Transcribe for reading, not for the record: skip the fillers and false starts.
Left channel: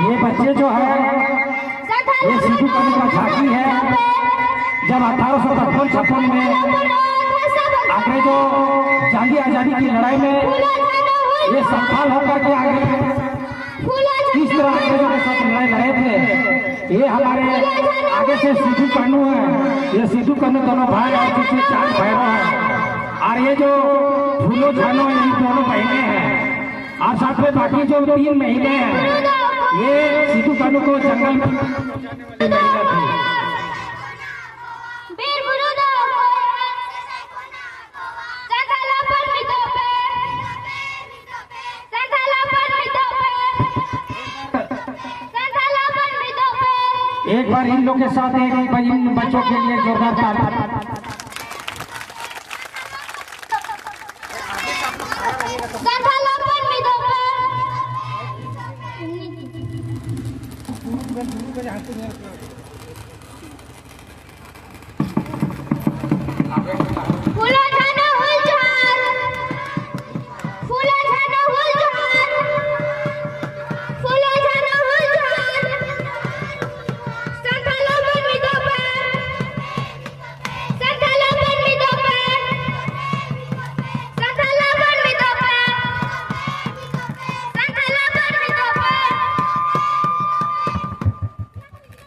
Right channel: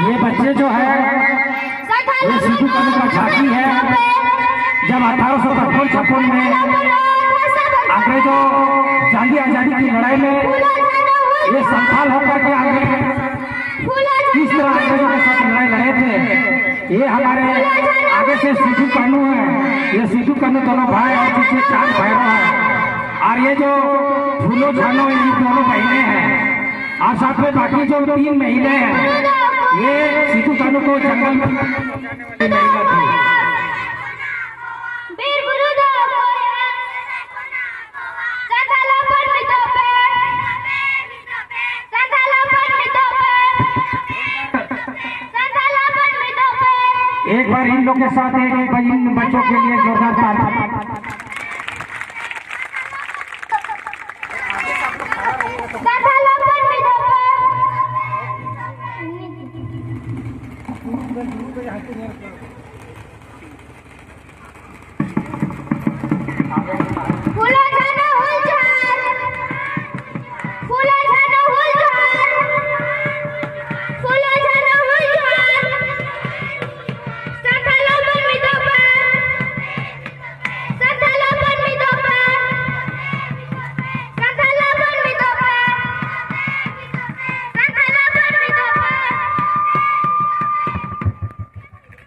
ये बच्चे जो है ये सिद्धू कानू का झांकी है। जब 1855 में अंग्रेजों जंगी आजादी की लड़ाई में ये संथाल होकर के आगे किस तरह अंग्रेजों के साथ लड़ाई लड़े थे, ये हमारे आगे से सिद्धू कानू है। ये सिद्धू कानू दोनों भाई और पीछे चार भैरव है, और ये जो फूलो झानो है ये दोनों बहने हैं, और साथ में बाकी जो 3 महीने हैं ये सिद्धू कानू को जंगल में महिला थी। एक बार इन लोग के साथ एक बार इन बच्चों के लिए जोरदार ताली।